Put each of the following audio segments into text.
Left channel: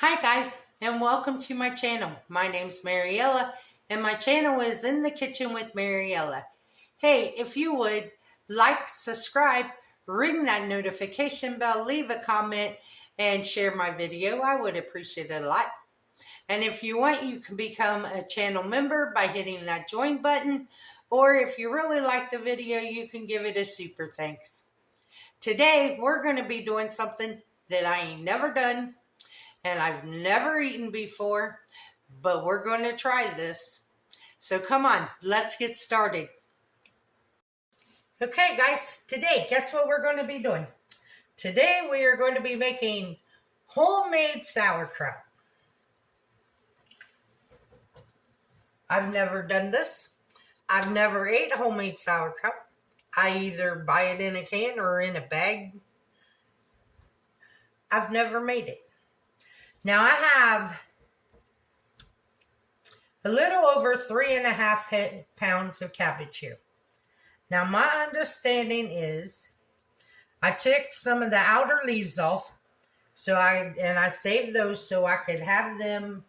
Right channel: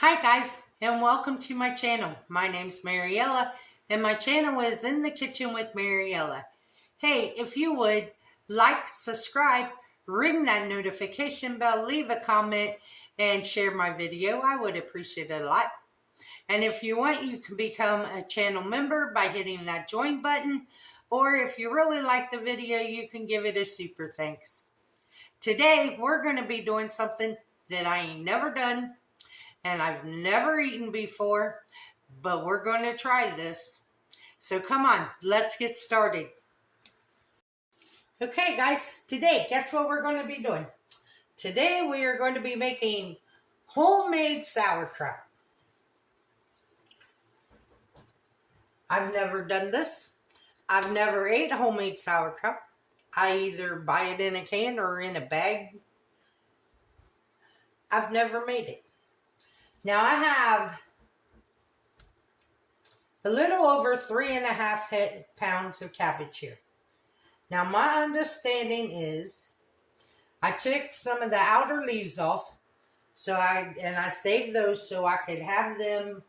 Hi guys, and welcome to my channel. My name's Mariella, and my channel is In the Kitchen with Mariella. Hey, if you would like, subscribe, ring that notification bell, leave a comment, and share my video, I would appreciate it a lot. And if you want, you can become a channel member by hitting that join button, or if you really like the video, you can give it a super thanks. Today, we're going to be doing something that I ain't never done, and I've never eaten before, but we're going to try this. So come on, let's get started. Okay guys, today, guess what we're going to be doing? Today we are going to be making homemade sauerkraut. I've never done this. I've never ate homemade sauerkraut. I either buy it in a can or in a bag. I've never made it. Now I have a little over 3.5 pounds of cabbage here. Now my understanding is I took some of the outer leaves off, I saved those so I could have them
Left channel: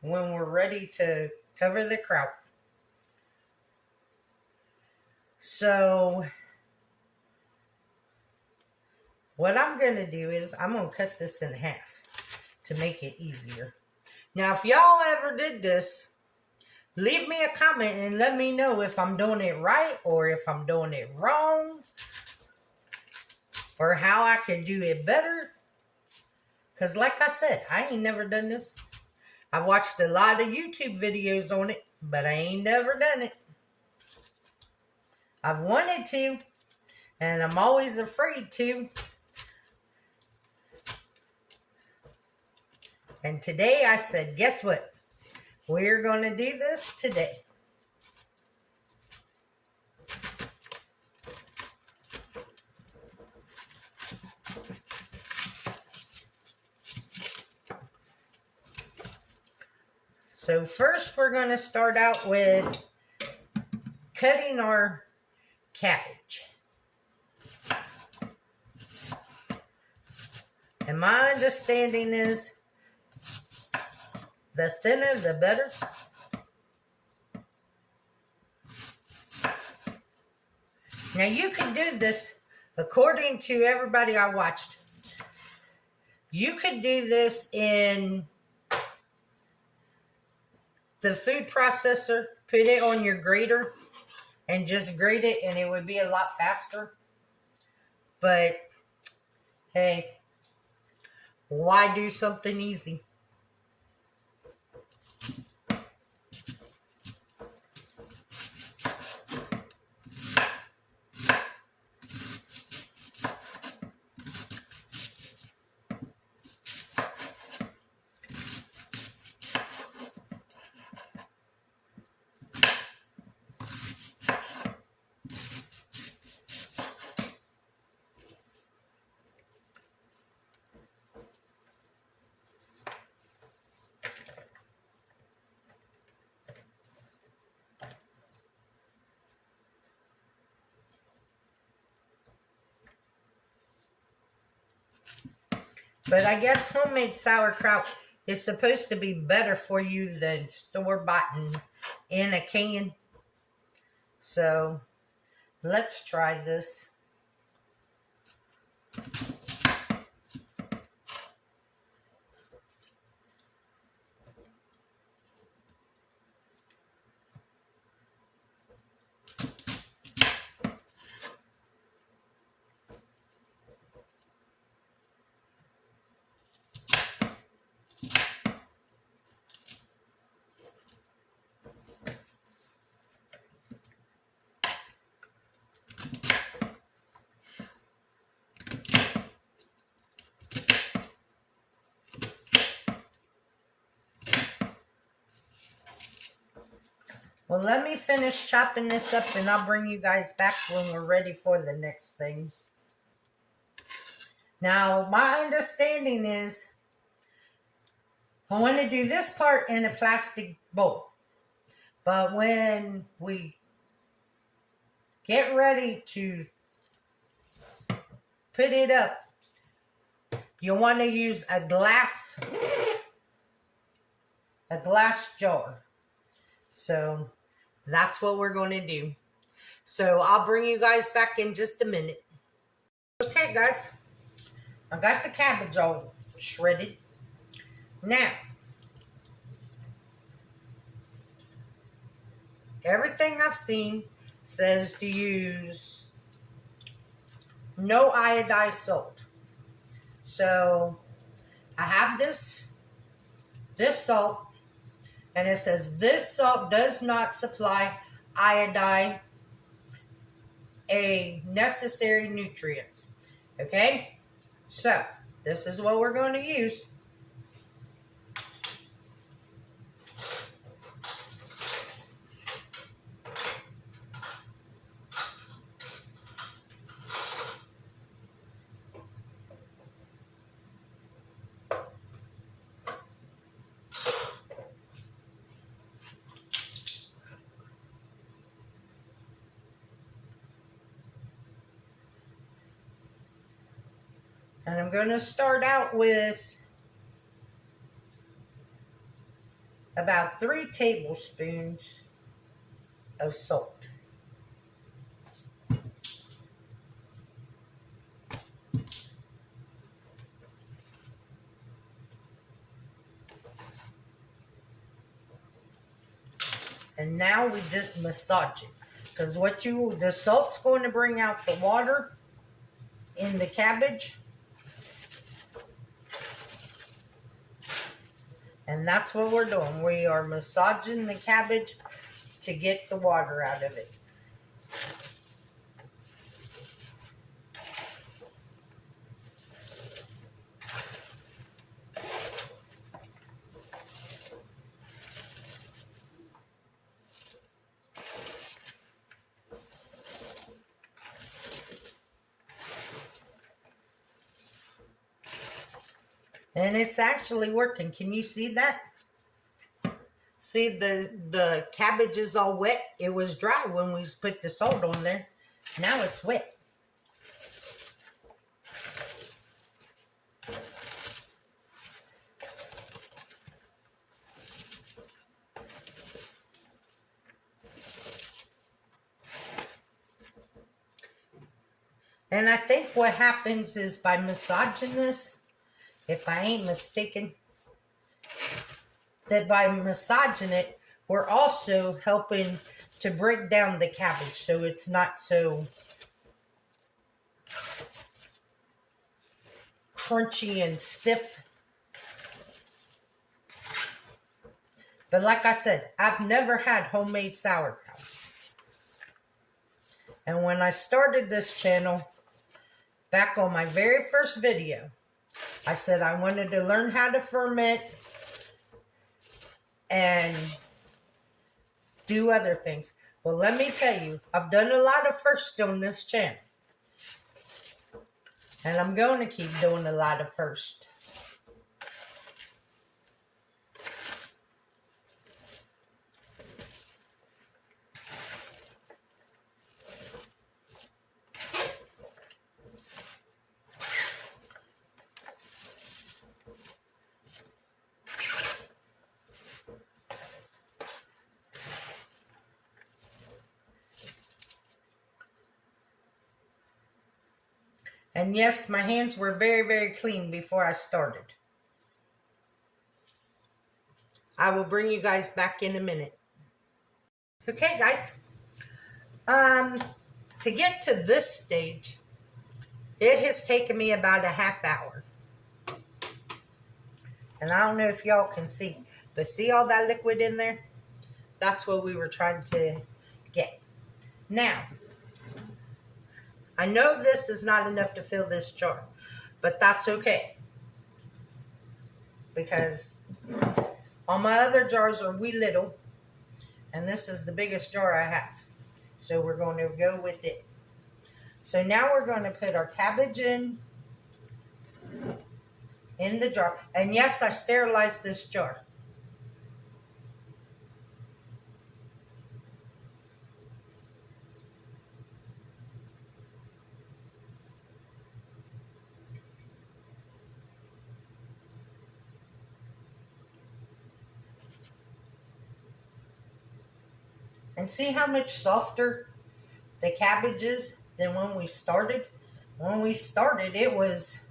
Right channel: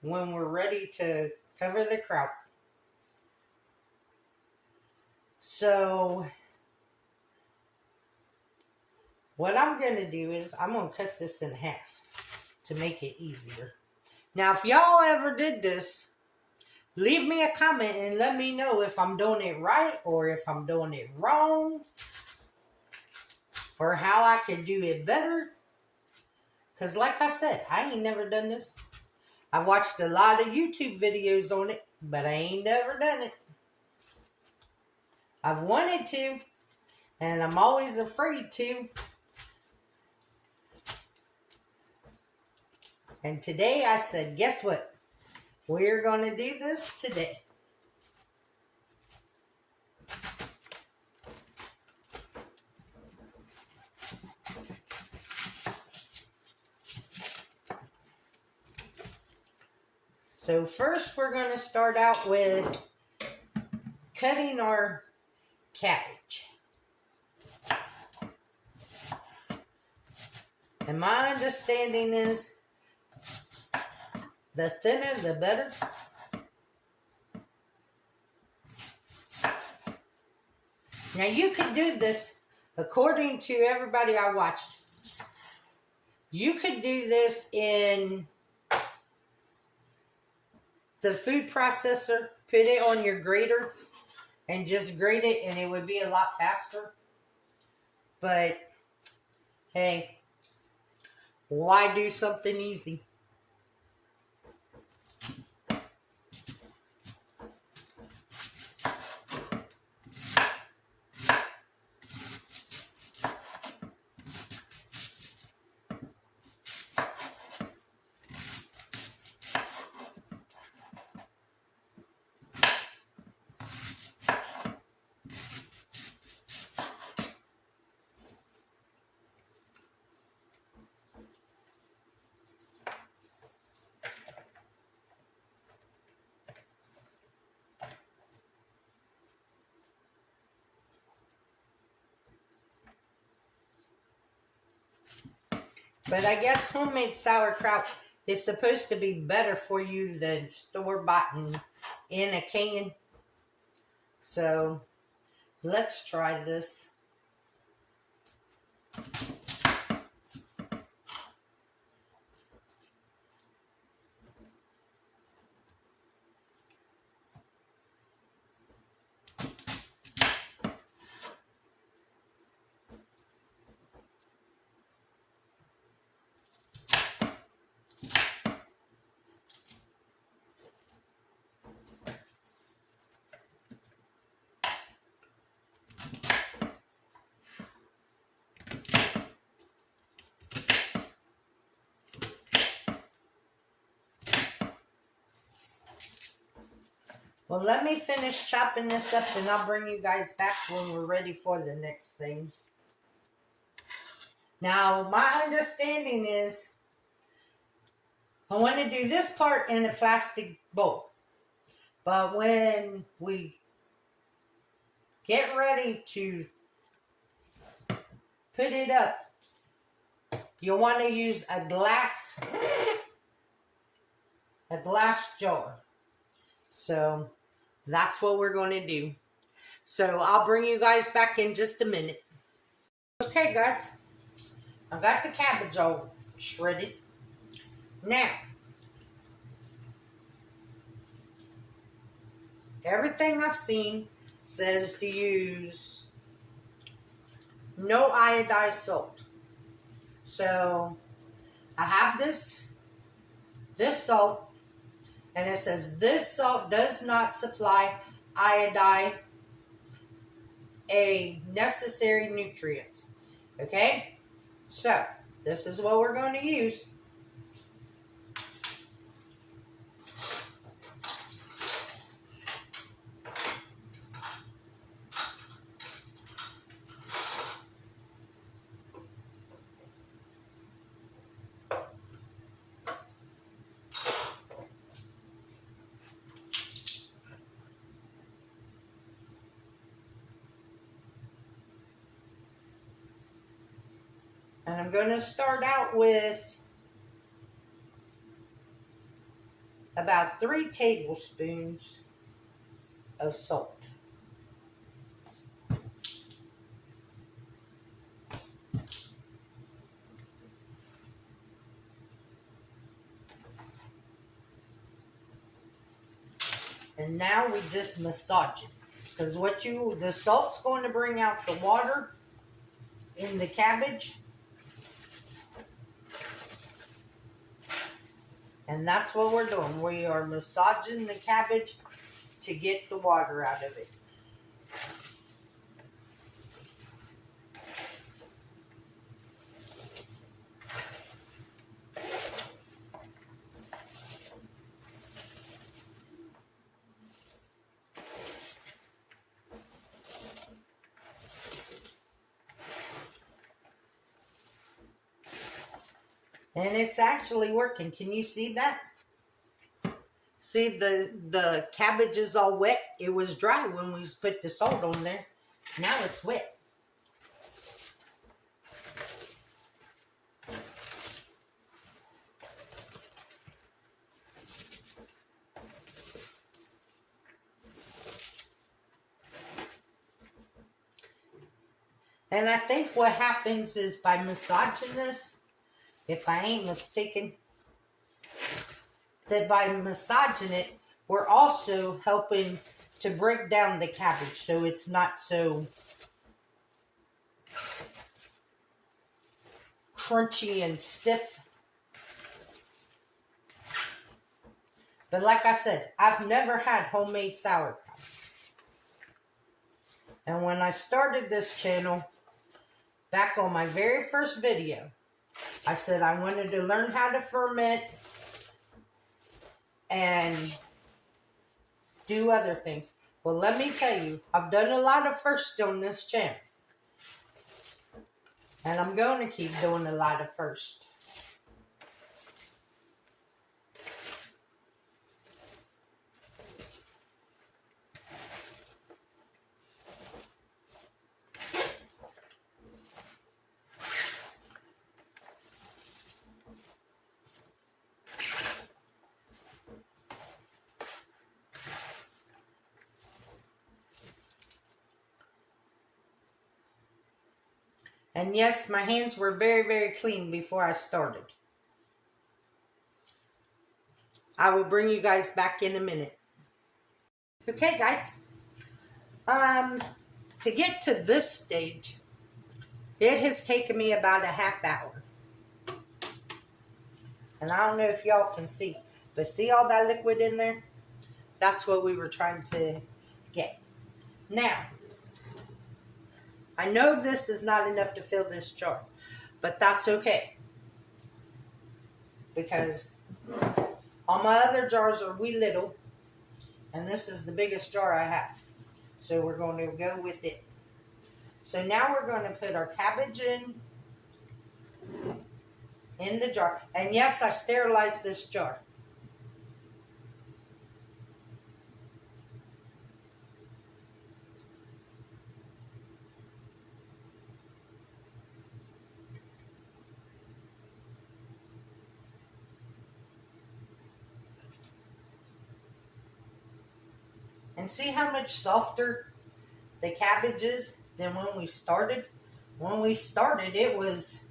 when we're ready to cover the kraut. So what I'm going to do is I'm going to cut this in half to make it easier. Now, if y'all ever did this, leave me a comment and let me know if I'm doing it right or if I'm doing it wrong or how I could do it better. Because like I said, I ain't never done this. I've watched a lot of YouTube videos on it, but I ain't never done it. I've wanted to, and I'm always afraid to. And today I said, guess what? We're going to do this today. So first we're going to start out with cutting our cabbage. And my understanding is the thinner, the better. Now you can do this according to everybody I watched. You could do this in the food processor, put it on your grater, and just grate it, and it would be a lot faster. But, hey, why do something easy? But I guess homemade sauerkraut is supposed to be better for you than store-bought in a can. So let's try this. Well, let me finish chopping this up and I'll bring you guys back when we're ready for the next thing. Now, my understanding is I want to do this part in a plastic bowl. But when we get ready to put it up, you'll want to use a glass jar. So that's what we're going to do. So I'll bring you guys back in just a minute. Okay, guys, I got the cabbage all shredded. Now, everything I've seen says to use no iodized salt. So I have this salt, and it says this salt does not supply iodine, a necessary nutrient. Okay, so this is what we're going to use. And I'm going to start out with about 3 tablespoons of salt. And now we just massage it. Because the salt's going to bring out the water in the cabbage. And that's what we're doing. We are massaging the cabbage to get the water out of it. And it's actually working. Can you see that? See, the cabbage is all wet. It was dry when we put the salt on there. Now it's wet. And I think what happens is by massaging this, if I ain't mistaken, that by massaging it, we're also helping to break down the cabbage so it's not so crunchy and stiff. But like I said, I've never had homemade sauerkraut. And when I started this channel, back on my very first video, I said I wanted to learn how to ferment and do other things. Well, let me tell you, I've done a lot of firsts on this channel. And I'm going to keep doing a lot of firsts. And yes, my hands were very, very clean before I started. I will bring you guys back in a minute. Okay, guys. To get to this stage, it has taken me about a half hour. And I don't know if y'all can see, but see all that liquid in there? That's what we were trying to get. Now, I know this is not enough to fill this jar, but that's okay. Because all my other jars are wee little, and this is the biggest jar I have. So we're going to go with it. So now we're going to put our cabbage in the jar. And yes, I sterilized this jar. And see how much softer the cabbage is than when we started? When we started, it was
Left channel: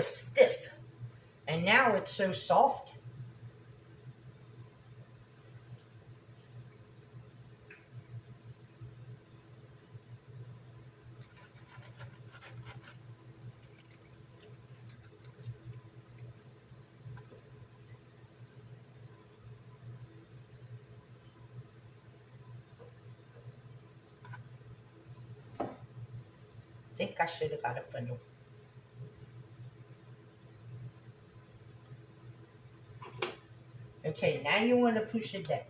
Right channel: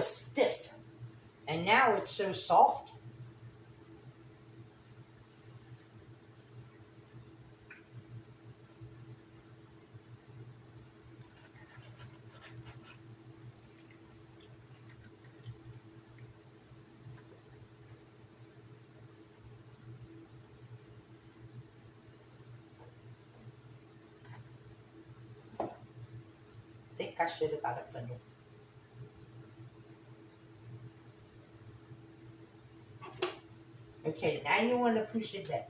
stiff. And now it's so soft. I think I should have got a funnel. Okay, now you want to push it down.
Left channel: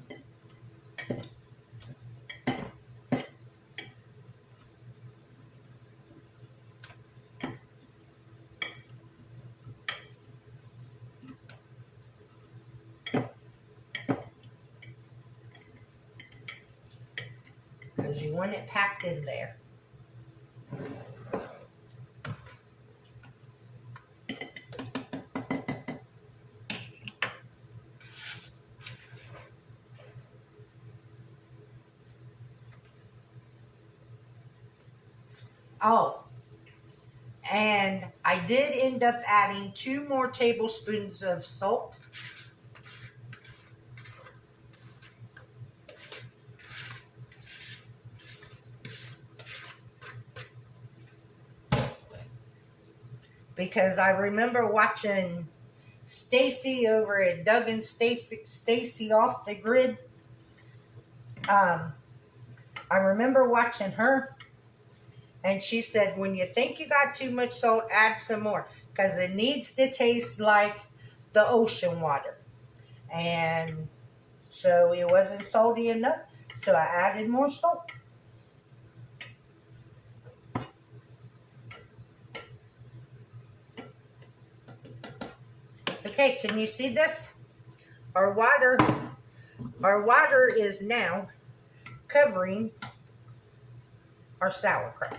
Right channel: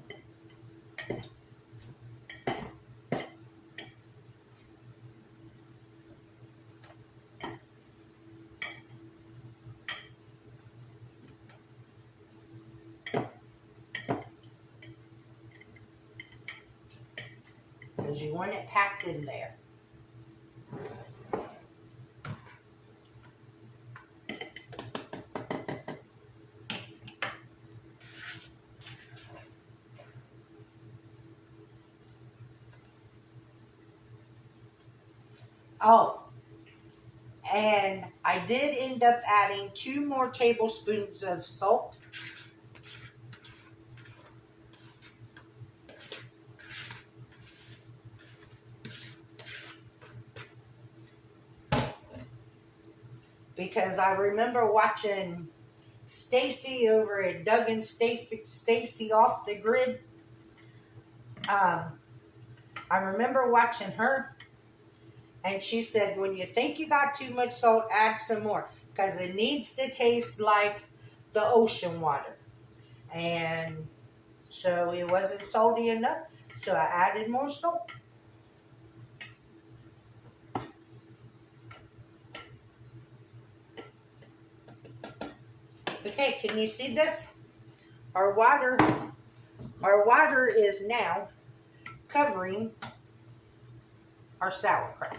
Because you want it packed in there. Oh, and I did end up adding 2 more tablespoons of salt. Because I remember watching Stacy over at Doug and Stacy Off the Grid. I remember watching her. And she said, when you think you got too much salt, add some more. Because it needs to taste like the ocean water. And so it wasn't salty enough. So I added more salt. Okay, can you see this? Our water is now covering our sauerkraut.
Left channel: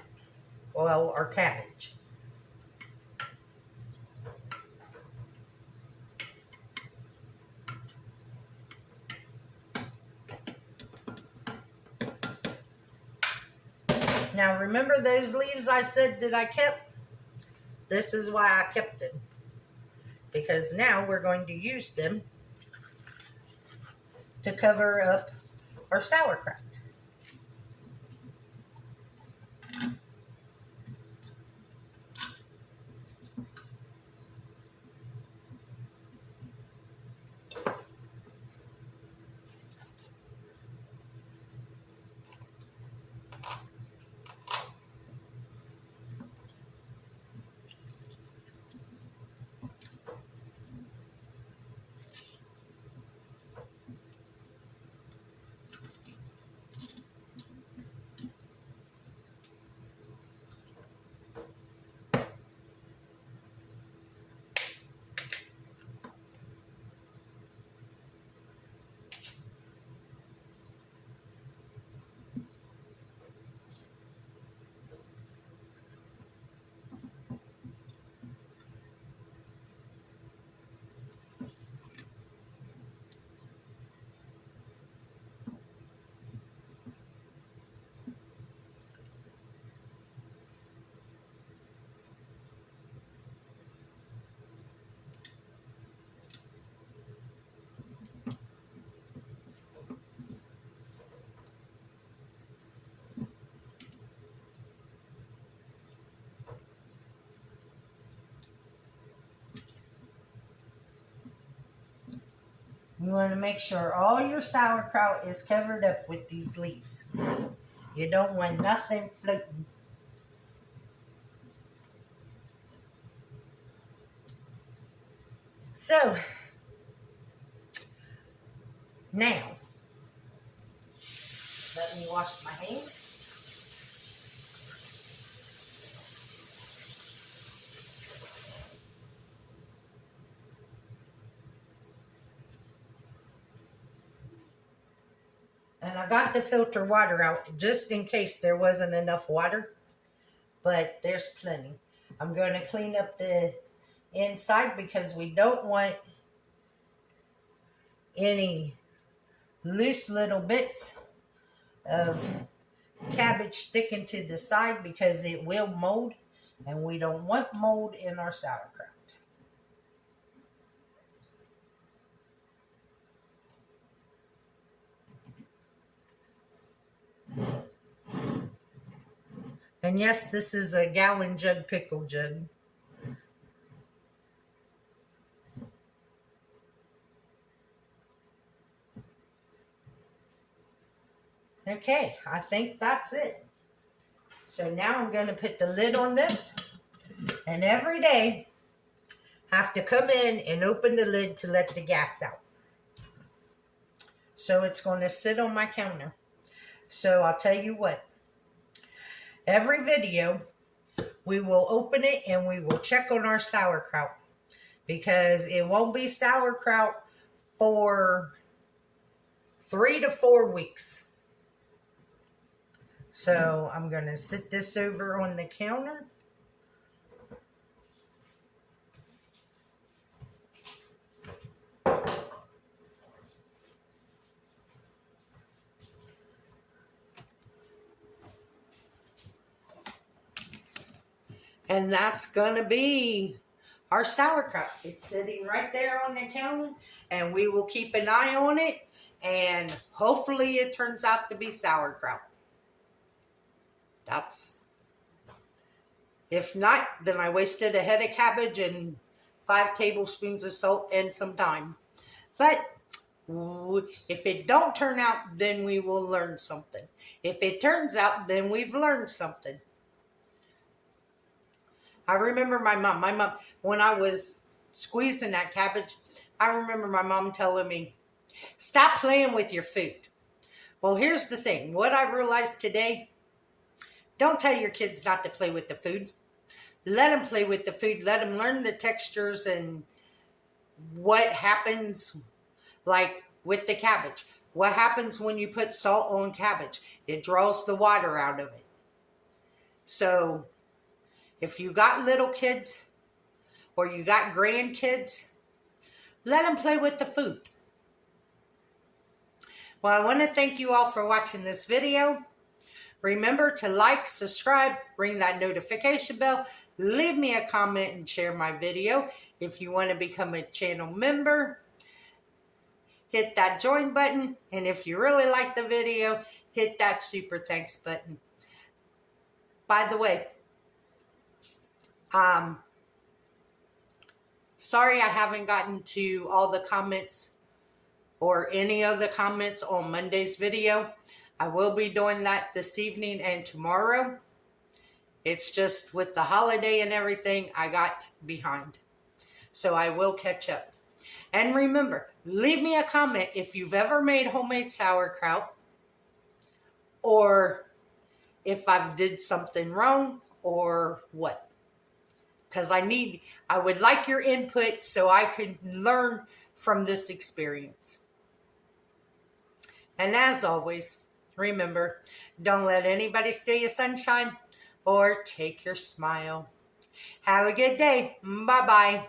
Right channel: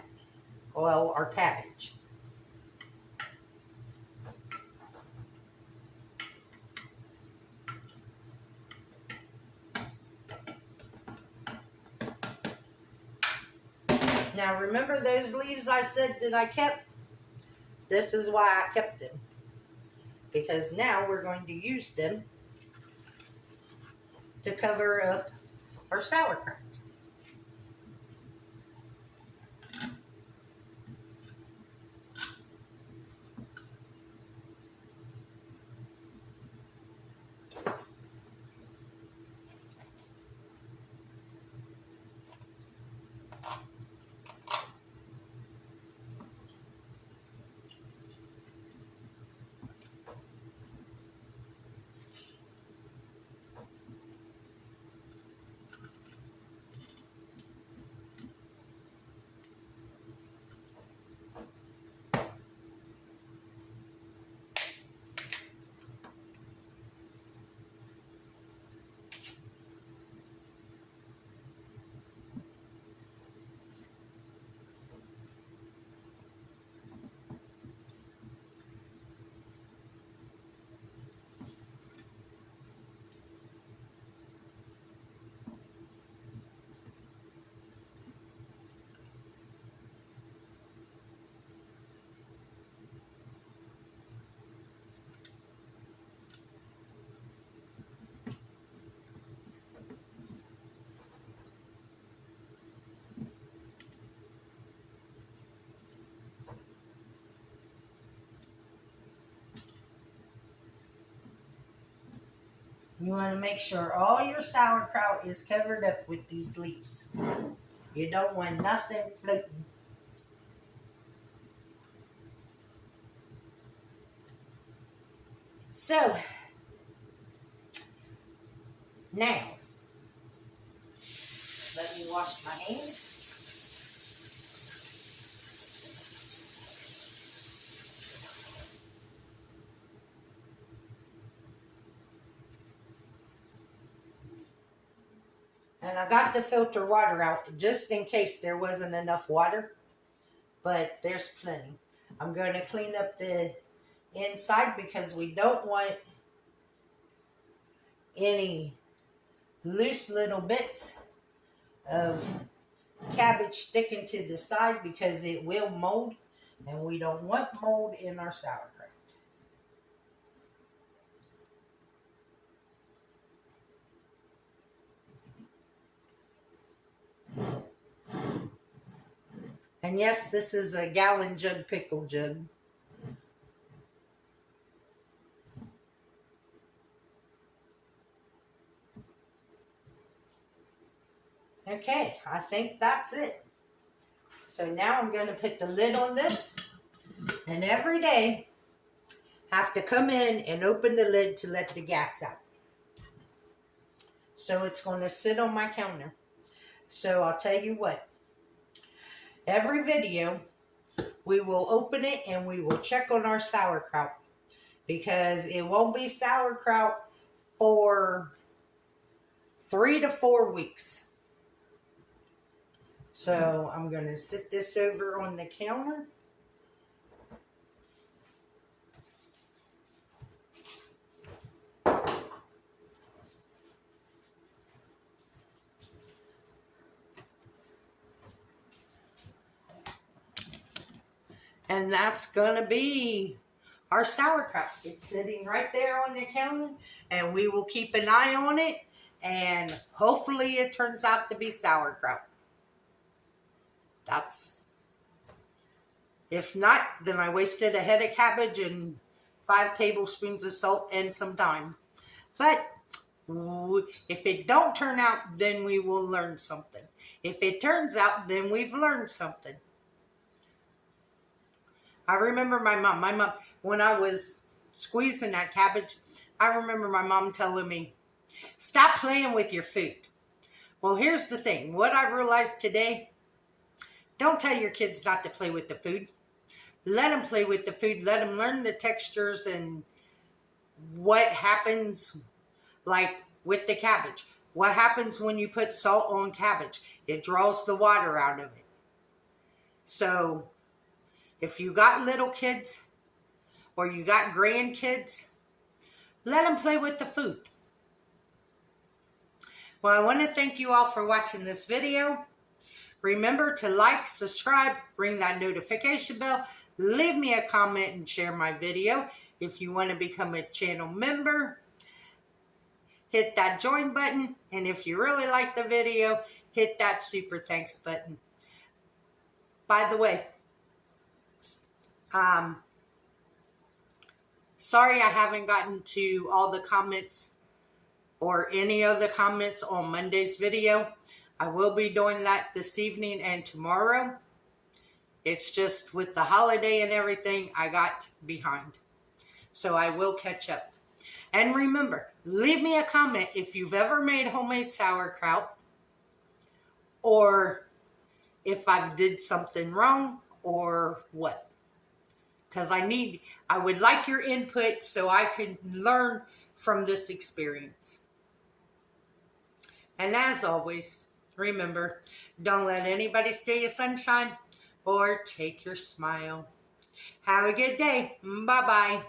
Well, our cabbage. Now remember those leaves I said that I kept? This is why I kept them. Because now we're going to use them to cover up our sauerkraut. You want to make sure all your sauerkraut is covered up with these leaves. You don't want nothing floating. So, now, let me wash my hands. And I got the filter water out just in case there wasn't enough water. But there's plenty. I'm going to clean up the inside because we don't want any loose little bits of cabbage sticking to the side because it will mold, and we don't want mold in our sauerkraut. And yes, this is a gallon jug pickle jug. Okay, I think that's it. So now I'm going to put the lid on this, and every day I have to come in and open the lid to let the gas out. So it's going to sit on my counter. So I'll tell you what, every video we will open it and we will check on our sauerkraut, because it won't be sauerkraut for 3 to 4 weeks. So I'm going to sit this over on the counter. And that's going to be our sauerkraut. It's sitting right there on the counter, and we will keep an eye on it, and hopefully it turns out to be sauerkraut. If not, then I wasted a head of cabbage and 5 tablespoons of salt and some thyme. But if it don't turn out, then we will learn something. If it turns out, then we've learned something. I remember my mom, when I was squeezing that cabbage, I remember my mom telling me, stop playing with your food. Well, here's the thing. What I realized today, don't tell your kids not to play with the food. Let them play with the food. Let them learn the textures and what happens, like with the cabbage. What happens when you put salt on cabbage? It draws the water out of it. So if you got little kids or you got grandkids, let them play with the food. Well, I want to thank you all for watching this video. Remember to like, subscribe, ring that notification bell, leave me a comment, and share my video. If you want to become a channel member, hit that join button. And if you really like the video, hit that super thanks button. By the way, sorry I haven't gotten to all the comments or any of the comments on Monday's video. I will be doing that this evening and tomorrow. It's just with the holiday and everything, I got behind. So I will catch up. And remember, leave me a comment if you've ever made homemade sauerkraut, or if I did something wrong or what. Because I would like your input so I could learn from this experience. And as always, remember, don't let anybody steal your sunshine or take your smile. Have a good day. Bye-bye.